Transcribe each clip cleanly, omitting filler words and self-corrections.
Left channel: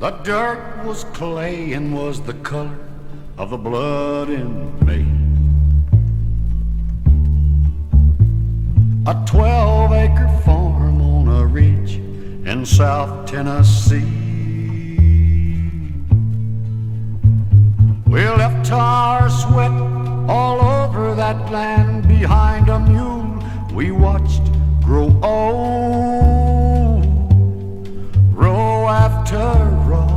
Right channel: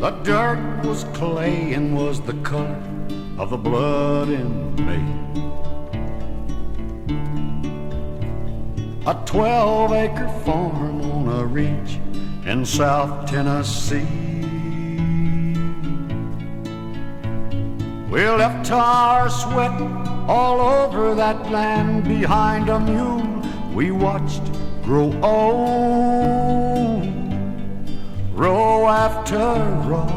The dirt was clay and was the color of the blood in me. A 12-acre farm on a ridge in South Tennessee. We left our sweat all over that land behind a mule we watched grow old, row after row,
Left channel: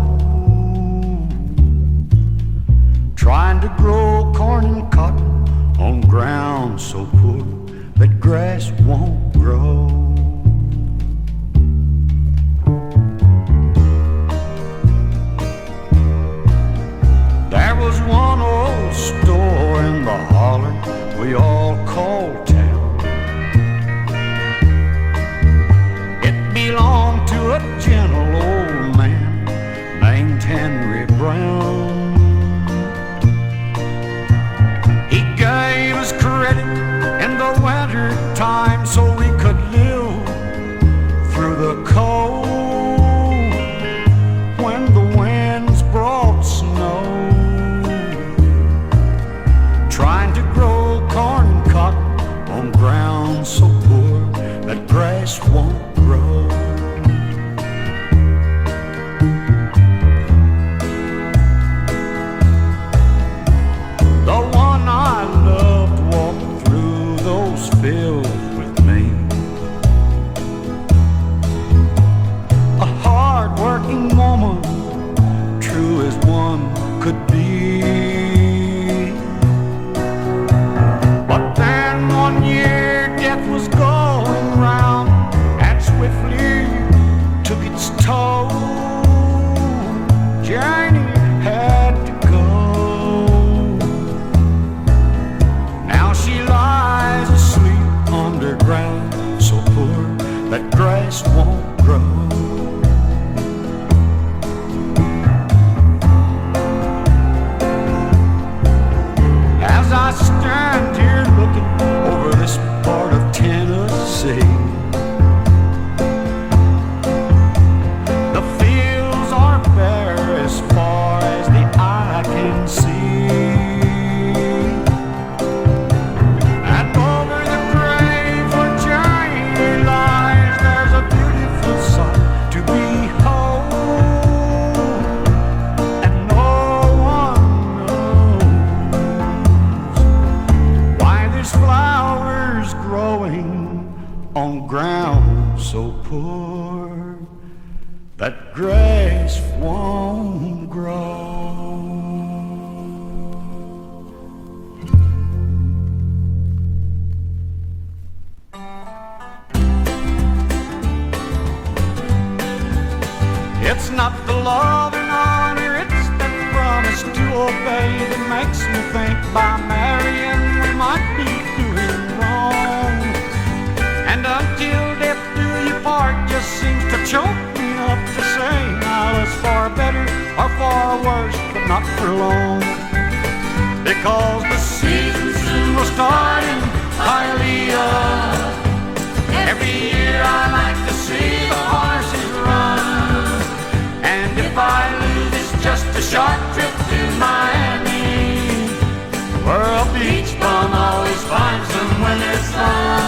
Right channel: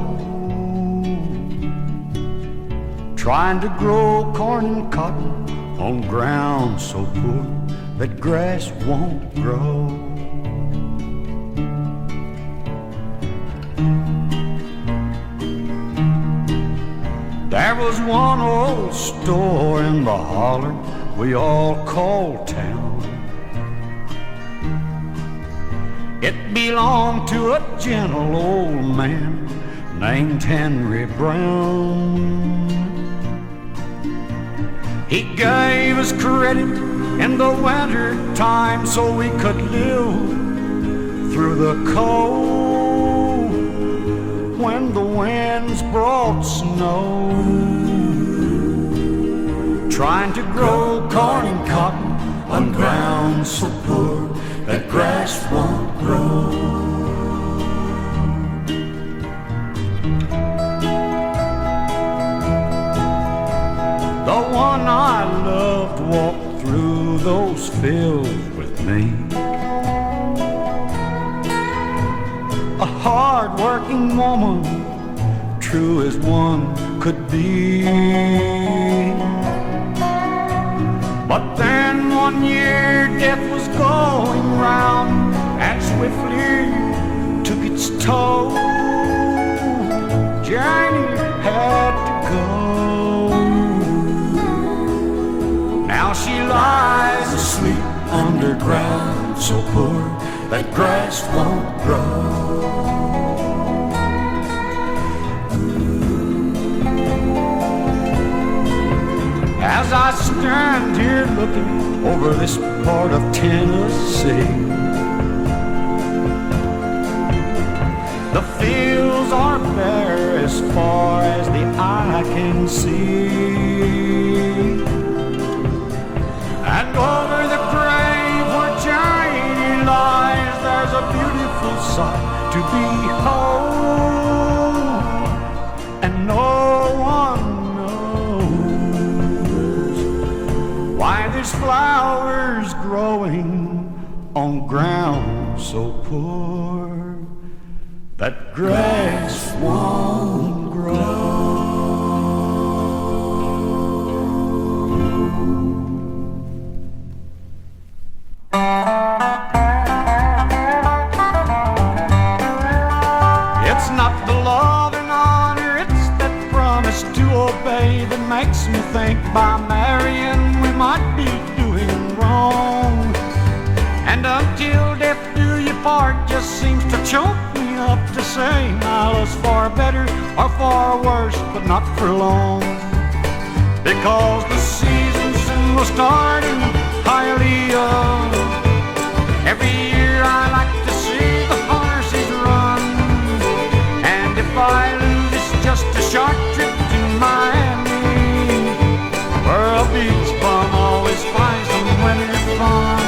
trying to grow corn and cotton on ground so poor that grass won't grow. There was one old store in the holler we all called town. It belonged to a gentle old man named Henry Brown. He gave us credit in the winter time so we could live through the cold when the winds brought snow, trying to grow corn and cotton on ground so poor that grass won't grow. The one I loved walked through those fields with me. A hard-working woman, true as one could be. But then one year death was going round and swiftly took its toll. Journey had to go. Now she lies asleep underground, so poor that grass won't grow. As I stand here looking over this part of Tennessee, the fields are bare as far as the eye can see. And over the grave where Janie lies, there's a beautiful sight to behold. And no one knows why there's flowers growing on ground so poor that grass won't grow. It's not the love and honor, it's that promise to obey that makes me think by marrying we might be doing wrong. And until death do you part just seems to choke me up to say now it's far better or far worse, but not for long. Because the season soon will start in Hialeah. Every year I like to see the horses run. And if I lose, it's just a short trip to Miami, where a beach bum always finds them when it's fun.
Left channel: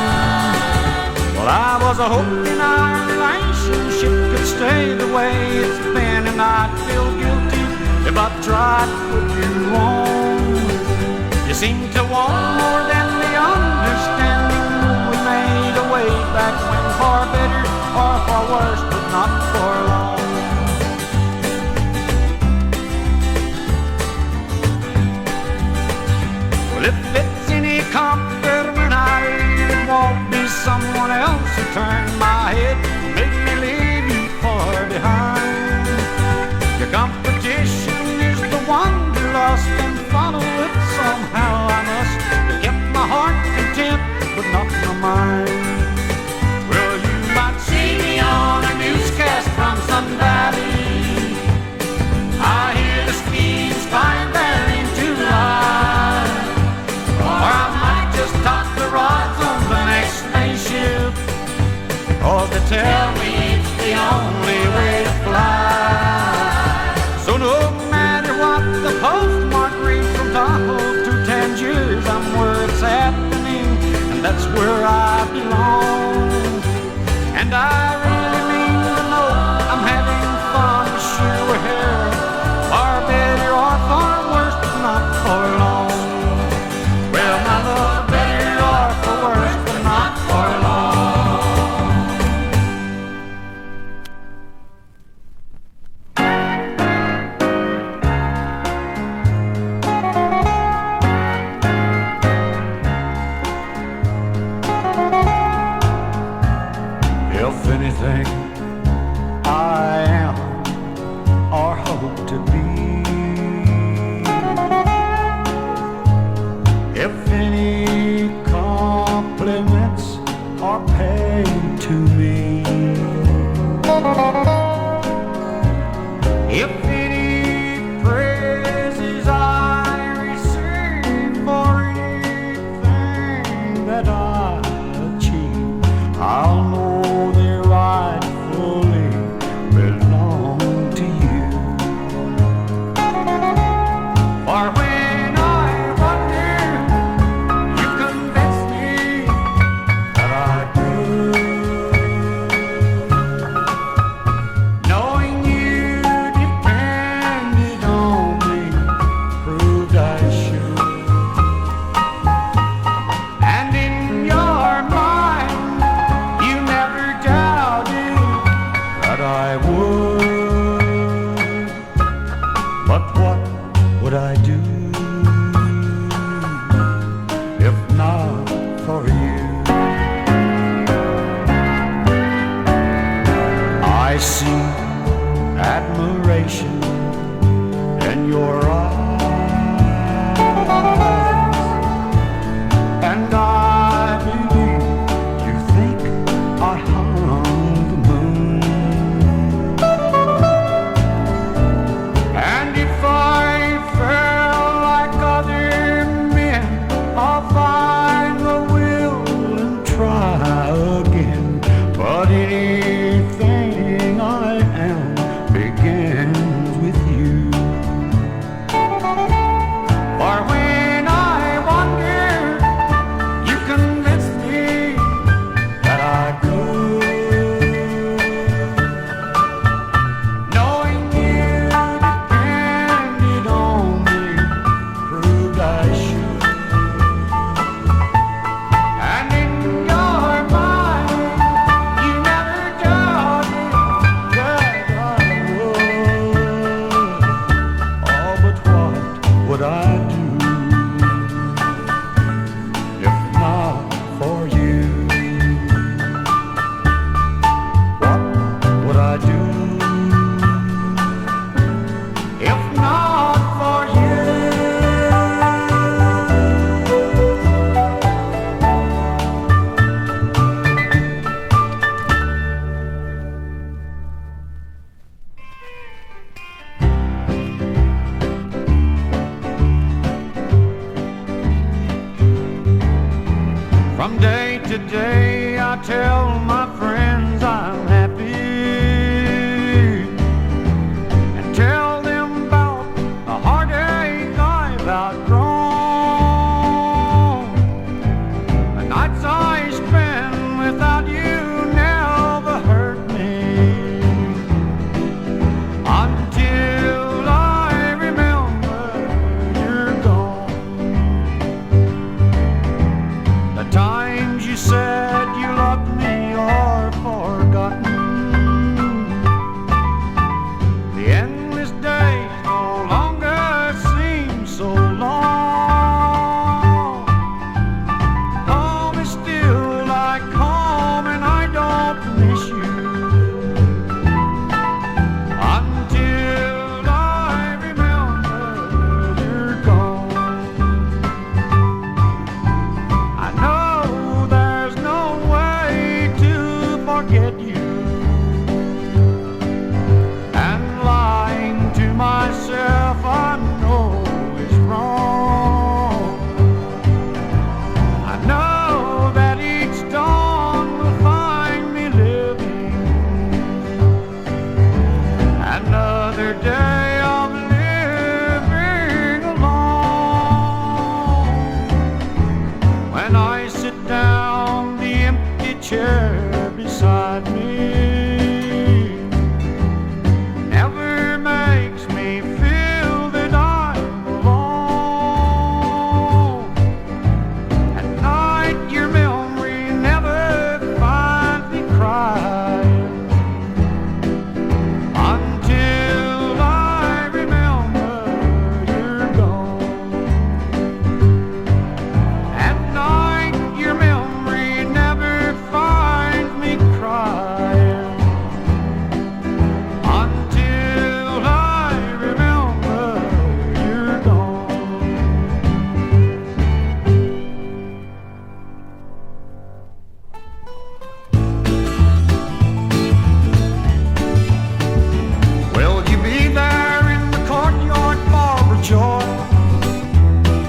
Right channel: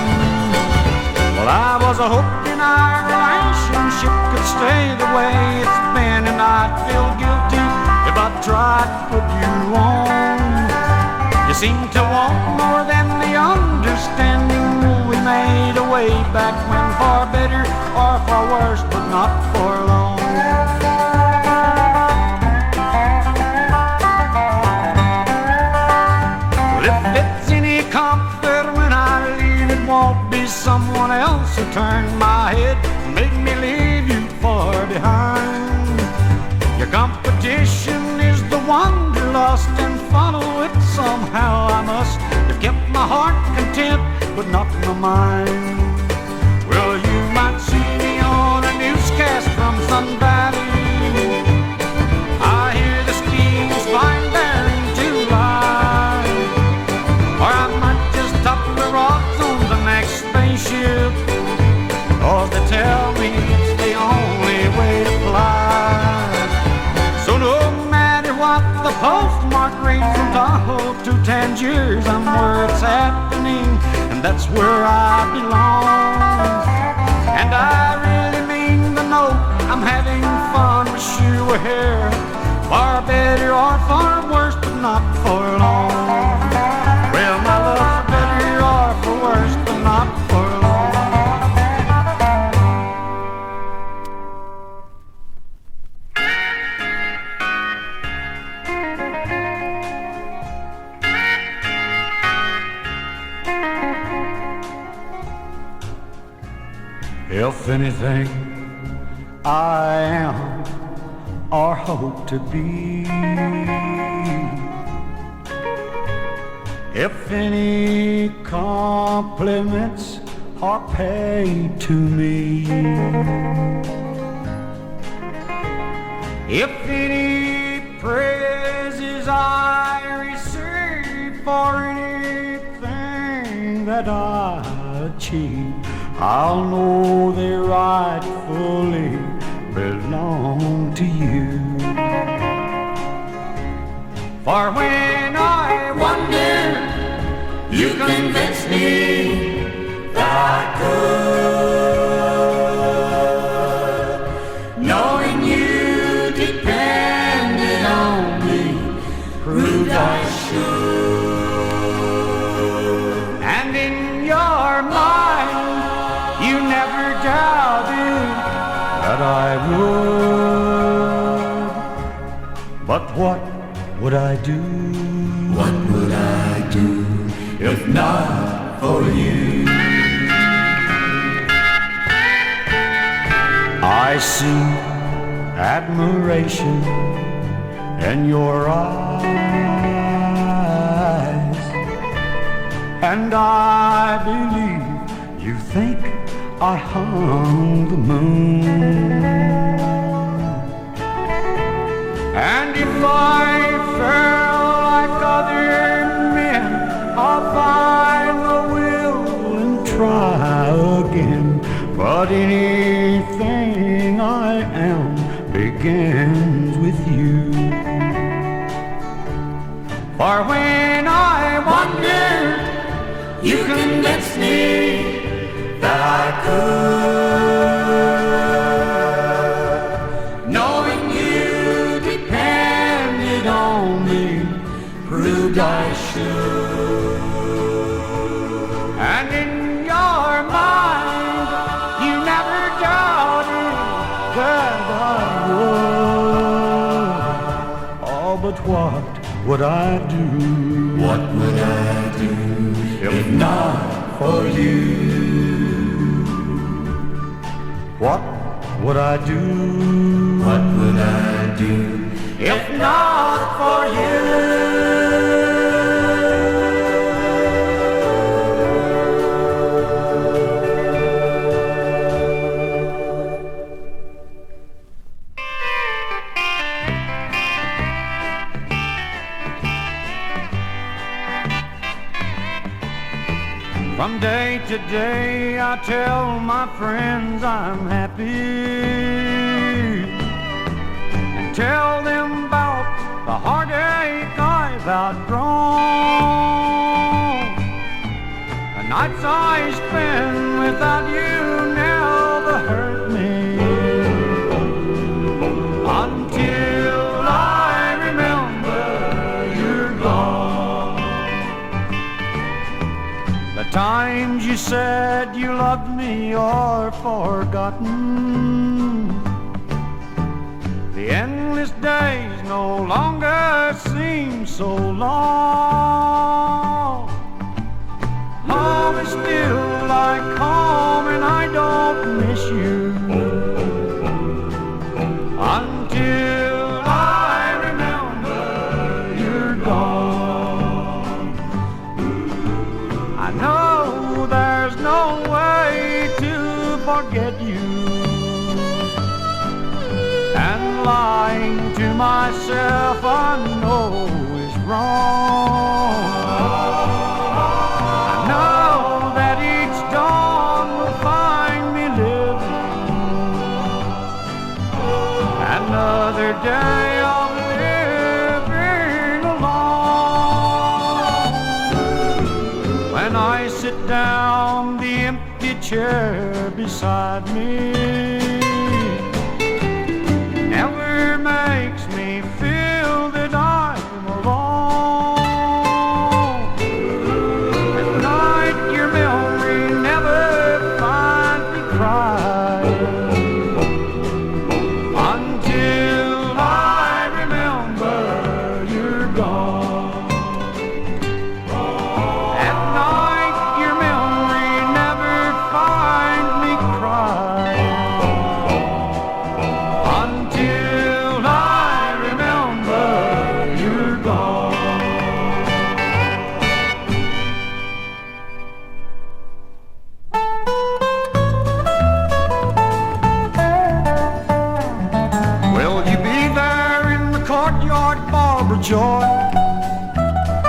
Well, I was hoping our relationship could stay the way it's been, and I'd feel guilty if I tried to put you on. You seem to want more than the understanding we made way back when, far better or far worse, but not for long. Well, if it's any comfort when I leave, it won't be someone else who turned my head and made me leave you far behind. Your competition is the one you lost, and follow it somehow I must have kept my heart content, but not my mind. Well, you might see me on a newscast from Sun Valley. I hear the schemes flying there in July. Or I might just top the rods on the next spaceship 'cause they tell me it's the only way to fly. So no matter what the postmark reads from Tahoe to Tangiers, I'm where it's happening, and that's where I belong. And I really mean to know I'm having fun with shoe hair, far better or far worse, but not for long. Well, my love for better or for worse, but not for long. If anything I am or hope to be, if any compliments are paid to me, if any praises I receive for anything that I achieve, I'll know they rightfully belong to you. For when I wonder, you convince me that I could. Knowing you depended on me proved I should. And in your mind, you never doubted that I would. But what would I do? What would I do if not for you? I see admiration in your eyes, and I believe you think I hung the moon. And if I fell like other men, I'll find the will and try again. But anything I am begins with you. For when I wonder, you convince me that I could. Knowing you depended on me proved I should. And in your mind, you never doubted that I would. Oh, but what would I do? What would I do if not for you? What would I do? What would I do if not for you? From day to day I tell my friends I'm happy, and tell them about the heartache I've outgrown. The nights I spend without you never hurt me, until I remember you're gone. The times you said you loved me are forgotten. The endless days no longer seem so long. Home is still like home, and I don't miss you until I remember you're gone. I know there's no way to forget you, and lying to myself I know is wrong. I know that each dawn will find me living another day of living alone. When I sit down, the empty chair beside me never makes me feel that I'm alone. At night, your memory never finds me crying until I remember you're gone. At night, your memory never finds me crying until I remember you're gone. Will you be there in the courtyard, Barbara Joy?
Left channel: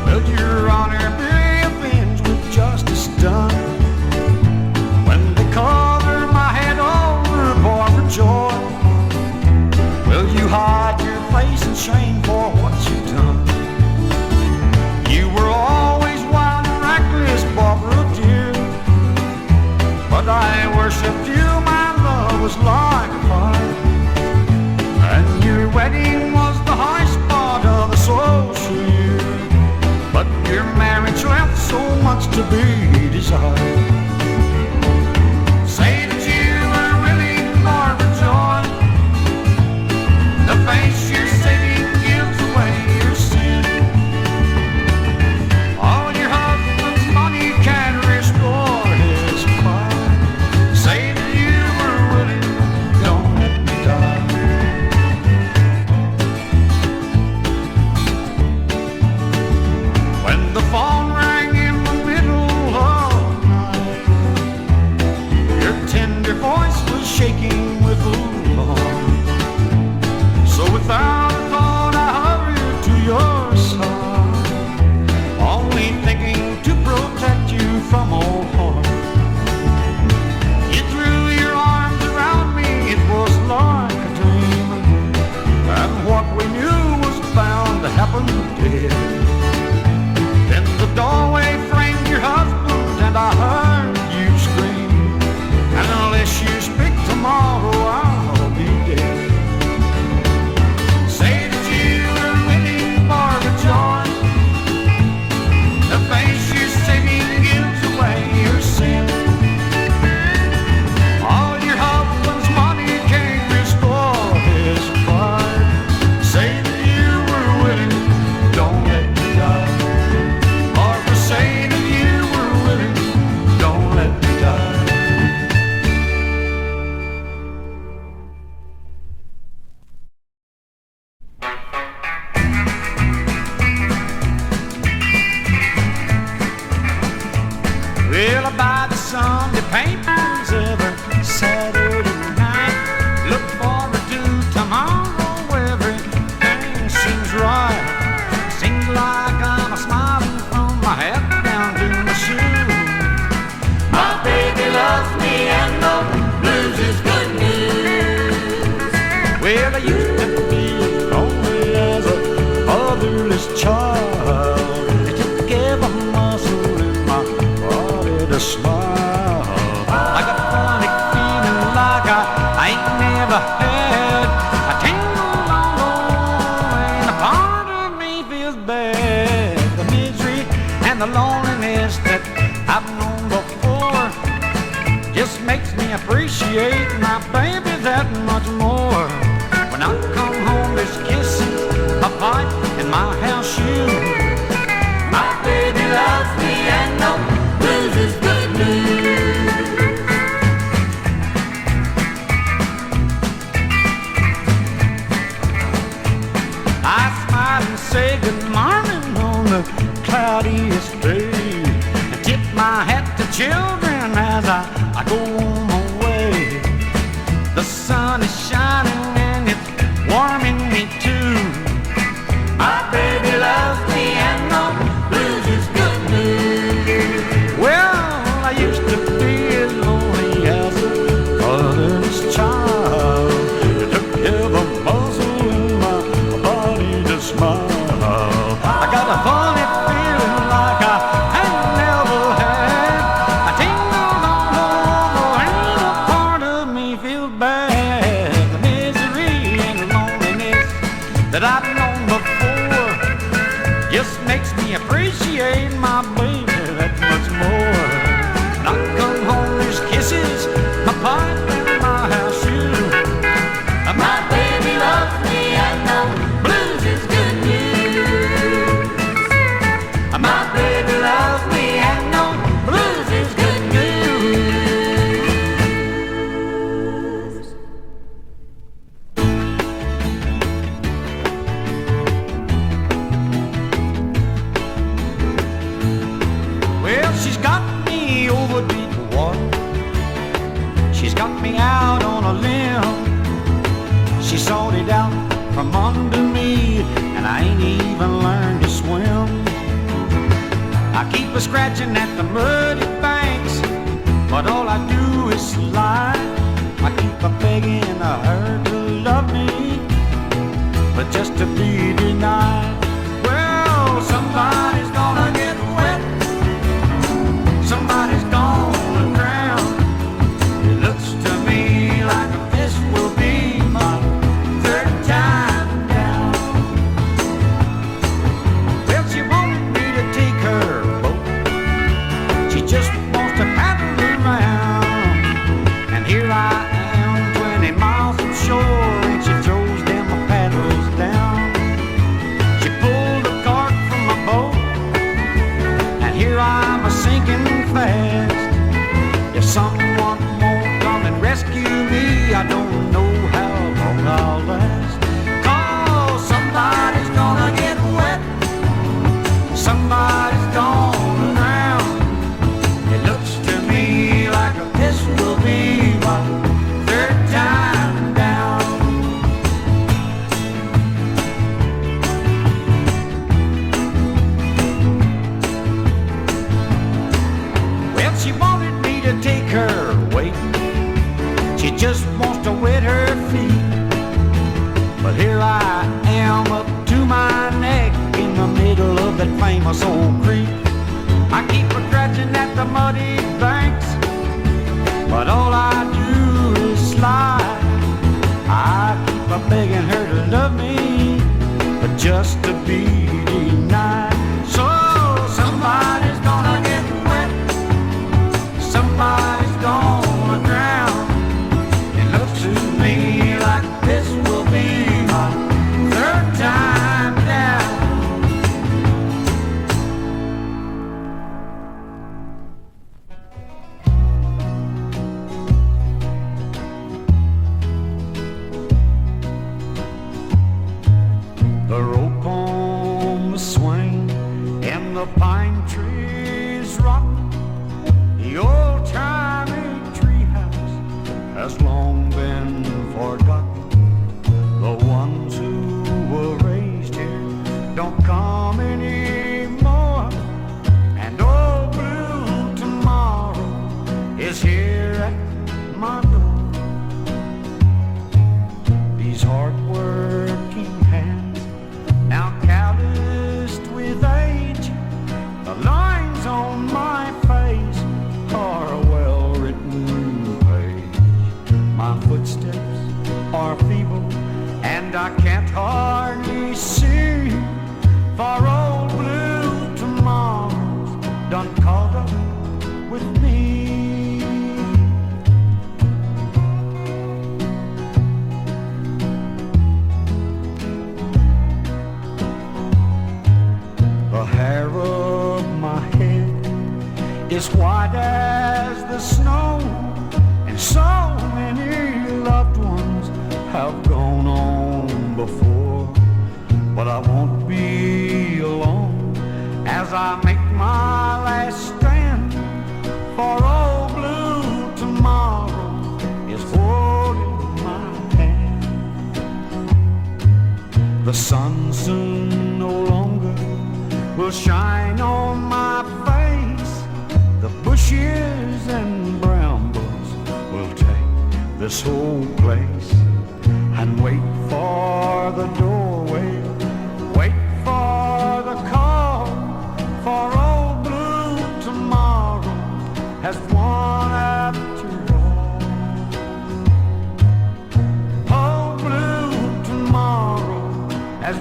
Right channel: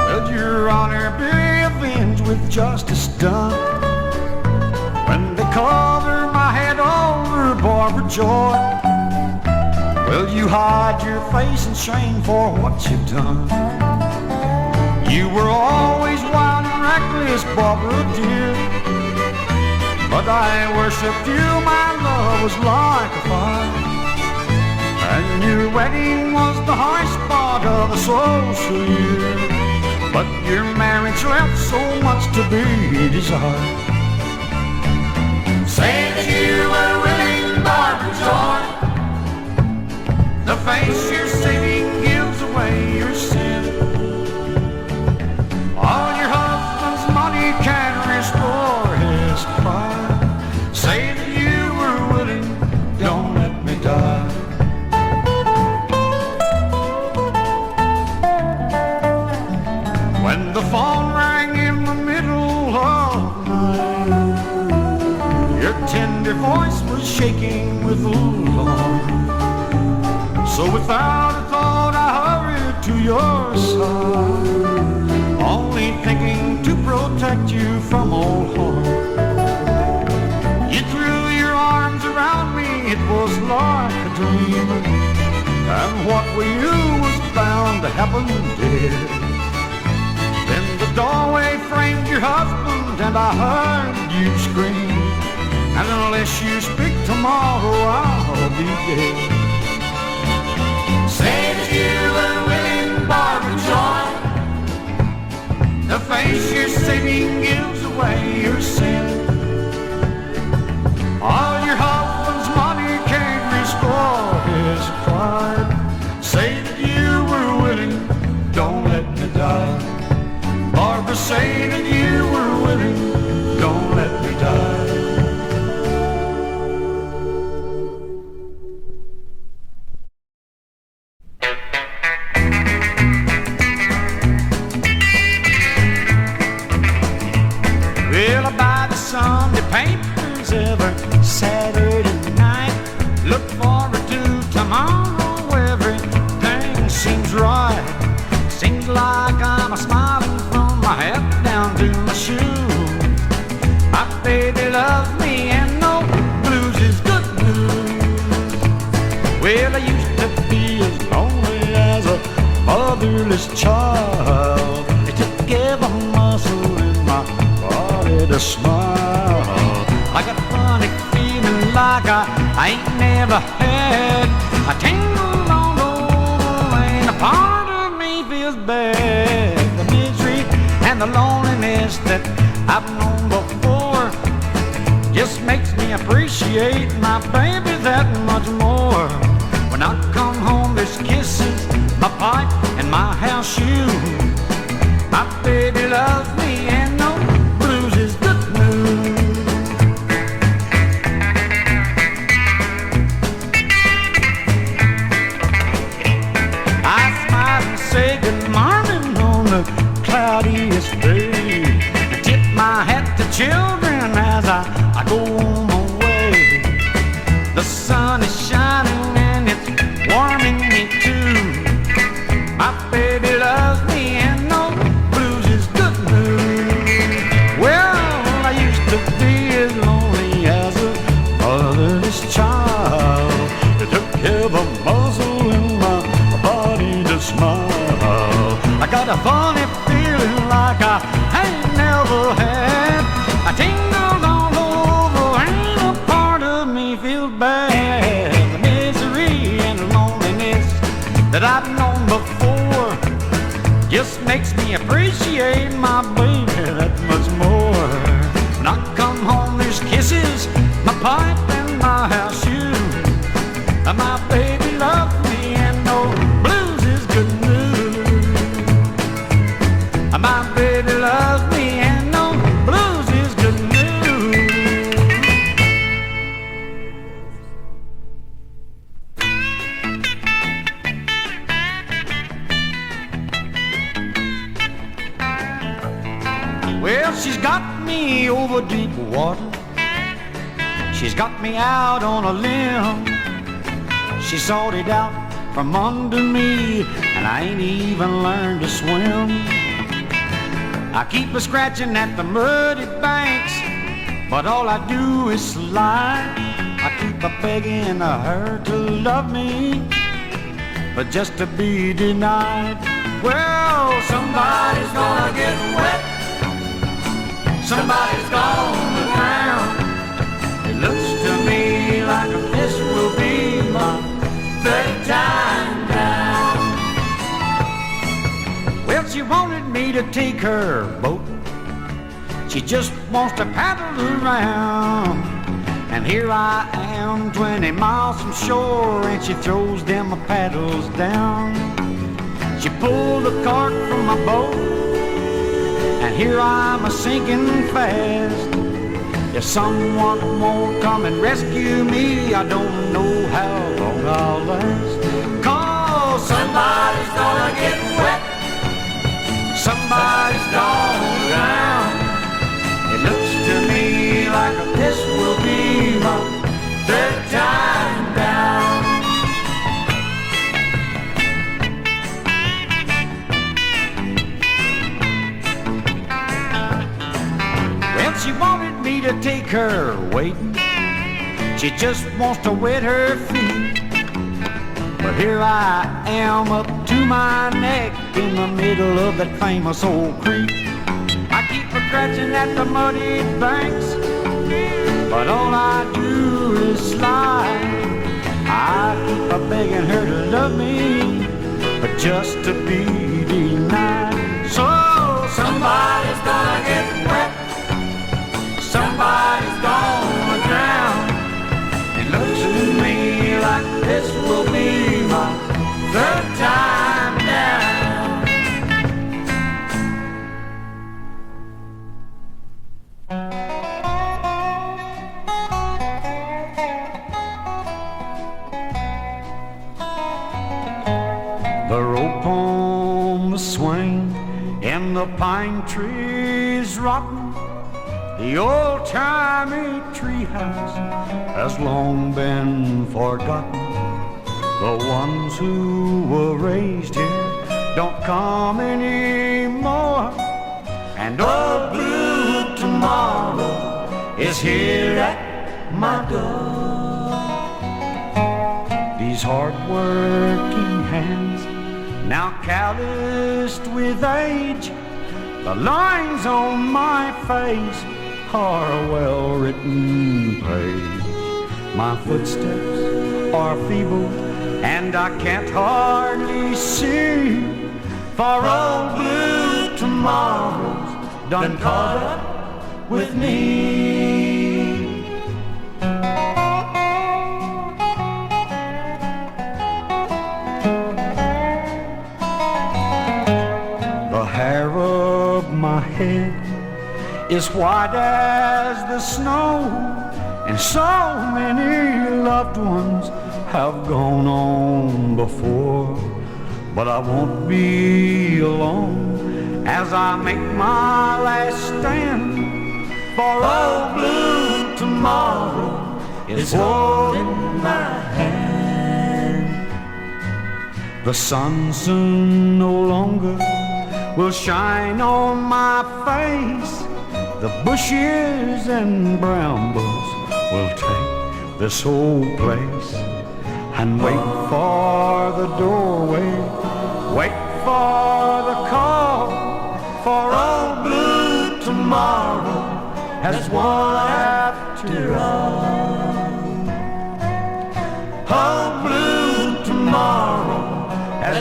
Will your honor be avenged with justice done? When they cover my head over, Barbara Joy, will you hide your face in shame for what you've done? You were always wild and reckless, Barbara dear, but I worshipped you, my love was like a fire. And your wedding was the high spot of the social year, but your marriage left so much to be desired. Say that you were willing, Barbara Joy. The face you're saving gives away your sin. All your husband's money can restore his pride. Say that you were willing, don't let me die. When the phone rang in the middle of the night, your tender voice was shaking with alarm. So without a thought I hurried to your side, only thinking to protect you from all harm. You threw your arms around me, it was like a dream, and what we knew was bound to happen dead. Then the doorway framed your husband and I heard you scream, and unless you speak tomorrow I'll be dead. Say that you were willing, Barbara Joy. The face you're saving gives away your sin. All your husband's money can't restore his pride. Say that you were willing, don't let me die. Barbara, say that you were willing, don't let me die. Well, I buy the Sunday papers every Saturday night. Look forward to tomorrow, everything seems right. Seems like I'm smiling from my head down to my shoes. My baby loves me and no blues is good news. Well, I used to be as lonely as a motherless child. It took every muscle in my body to smile. I got a funny feeling like I ain't never had a tingle on the way, and a part of me feels bad. The misery and the loneliness that I've known before just makes me appreciate my baby that much more. When I come home, there's kisses, a pipe, and my house shoes. My baby loves me and no blues is good news. I smile and say good morning on the cloudiest day, and tip my hat to children as I go on my way. The sun is shining and it's warming me too. My baby loves me and no blues is good news. Well, I used to be as lonely as a motherless child. It took every muscle in that I've known before just makes me appreciate my baby that much more. When I come home, there's kisses, my pipe and my house shoe. My baby loves me and no blues is good news. My baby loves me and no blues is good news. Well, she's got me over deep water. She's got me out on a limb. She sawed it out from under me, and I ain't even learned to swim. I keep a scratching at the muddy banks, but all I do is slide. I keep a begging her to love me, but just to be denied. Well, somebody's gonna get wet, somebody's gonna drown. It looks to me like this will be my third time down. Well, she wanted me to take her boat. She just wants to paddle around. And here I am, 20 miles from shore, and she throws them paddles down. She pulled the cart from my boat, and here I'm a-sinking fast. If someone won't come and rescue me, I don't know how long I'll last. 'Cause somebody's gonna get wet, somebody's gonna drown. It looks to me like this will be my third time down. Well, she wanted me to take her wading. She just wants to wet her feet. But here I am up to my neck in the middle of that famous old creek. I keep a-scratching at the muddy banks, but all I do is slide. I keep a-begging her to love me, but just to be denied. So somebody's gonna get wet, somebody's gonna drown. It looks to me like this will be my third time down. The rope on the swing and the pine trees rotten. The old-timey treehouse has long been forgotten. The ones who were raised here don't come anymore, and old blue tomorrow is here at my door. These hard-working hands, now calloused with age, the lines on my face are a well-written page. My footsteps are feeble, and I can't hardly see, for old blue tomorrow's done caught up with me. The hair of my head is white as the snow, and so many loved ones have gone on before. But I won't be alone as I make my last stand, for old blue tomorrow is holding my hand. The sun soon no longer will shine on my face. The bushes and brambles will take this whole place, and wait for the doorway, wait for the call, for old blue tomorrow has won after all. Old blue tomorrow has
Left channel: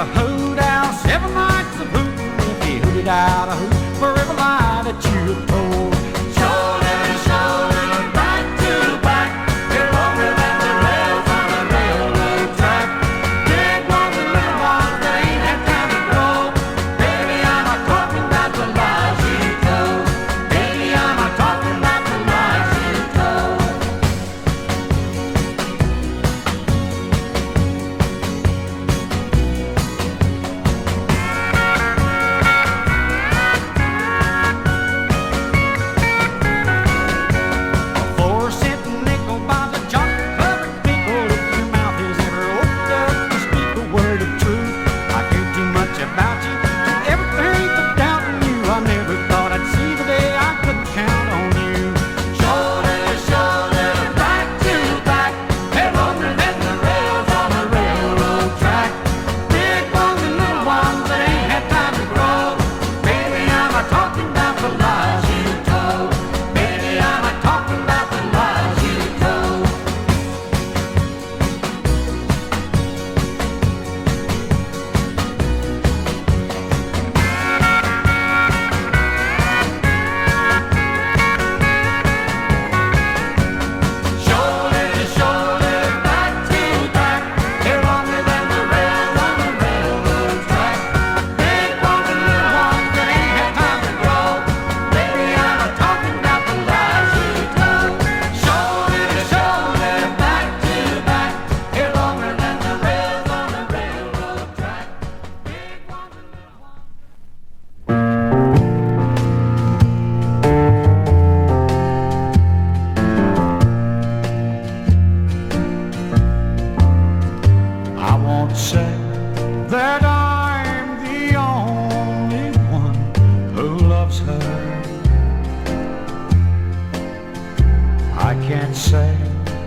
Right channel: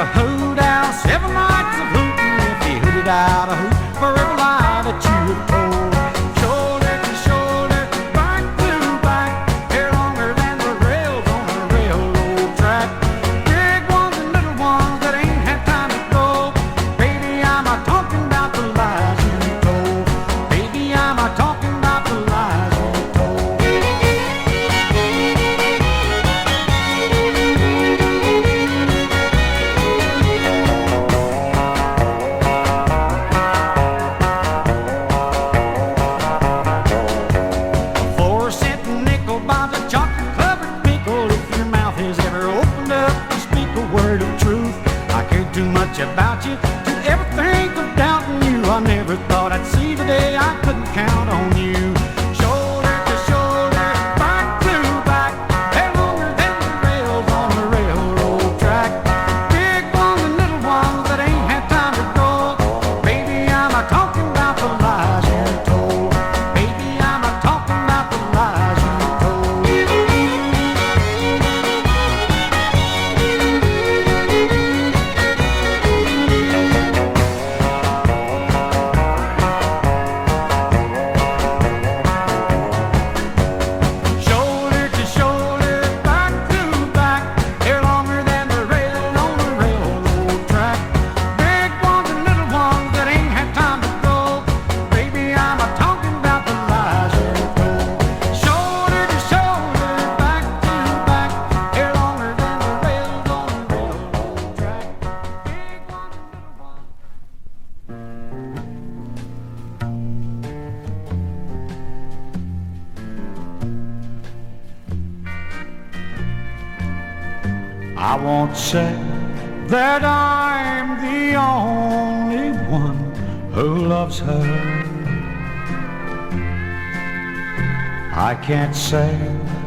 a hoot owl, 7 nights of hooting if you hooted out a hoot for every lie that you have told. Shoulder to shoulder, back to back, they're longer than the rails on a railroad track. Big ones and little ones that ain't had time to grow. Baby, I'm not talking about the lies you told. Baby, I'm not talking about the lies you told. About you, to ever think of doubting you. I never thought I'd see the day I couldn't count on you. Shoulder to shoulder, back to back, they're longer than the rails on the railroad track. Big ones and little ones that ain't had time to grow. Baby, I'm not talking about the lies you told. Baby, I'm not talking about the lies you told. I won't say that I'm the only one who loves her. I can't say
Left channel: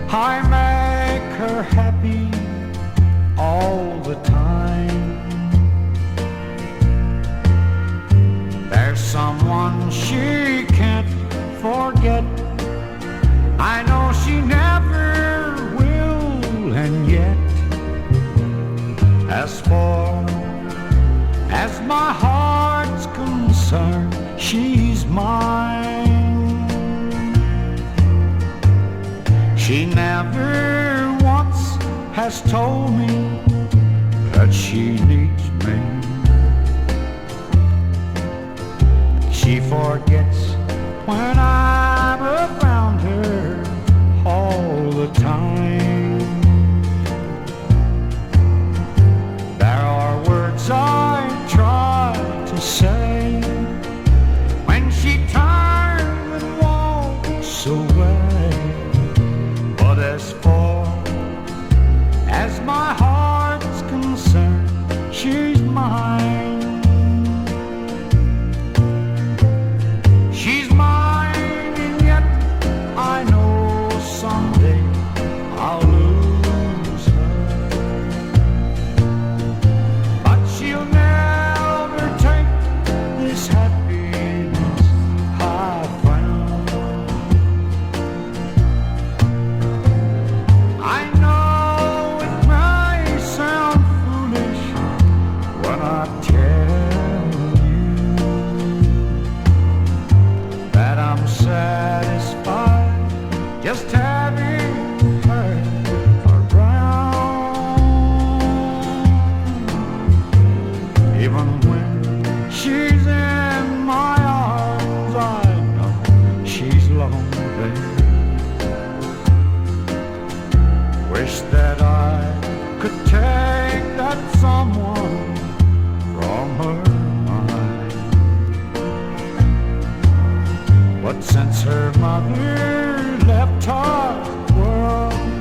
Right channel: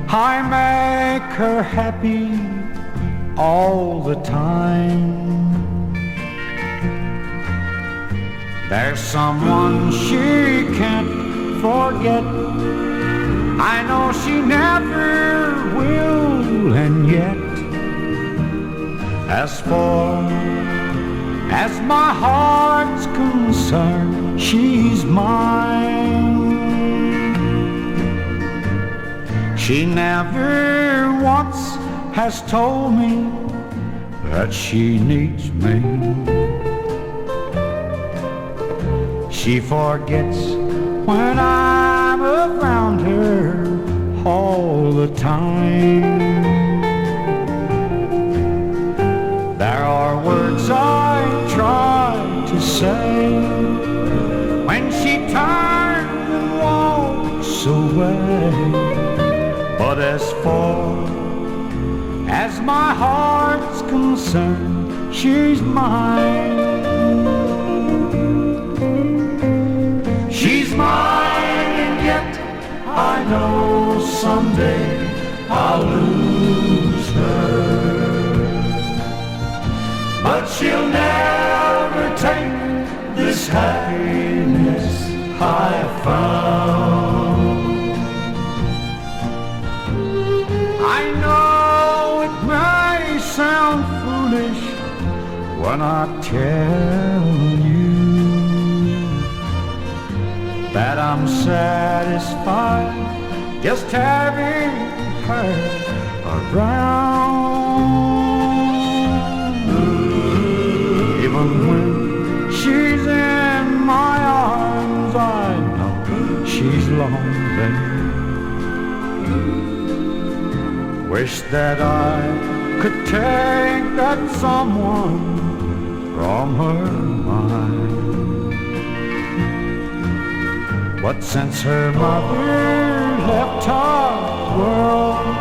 I make her happy all the time. There's someone she can't forget. I know she never will, and yet as far as my heart's concerned, she's mine. She never once has told me that she needs me. She forgets when I'm around her all the time. There are words I try to say when she turns and walks away. But as far as my heart's concerned, she's mine. She's mine, and yet I know someday I'll lose her. But she'll never take this happiness I found. I know it may sound foolish when I tell you that I'm satisfied just having her around. Even when she's in my arms, I know she's lonely. Wish that I could take that someone from her mind. But since her mother left our world,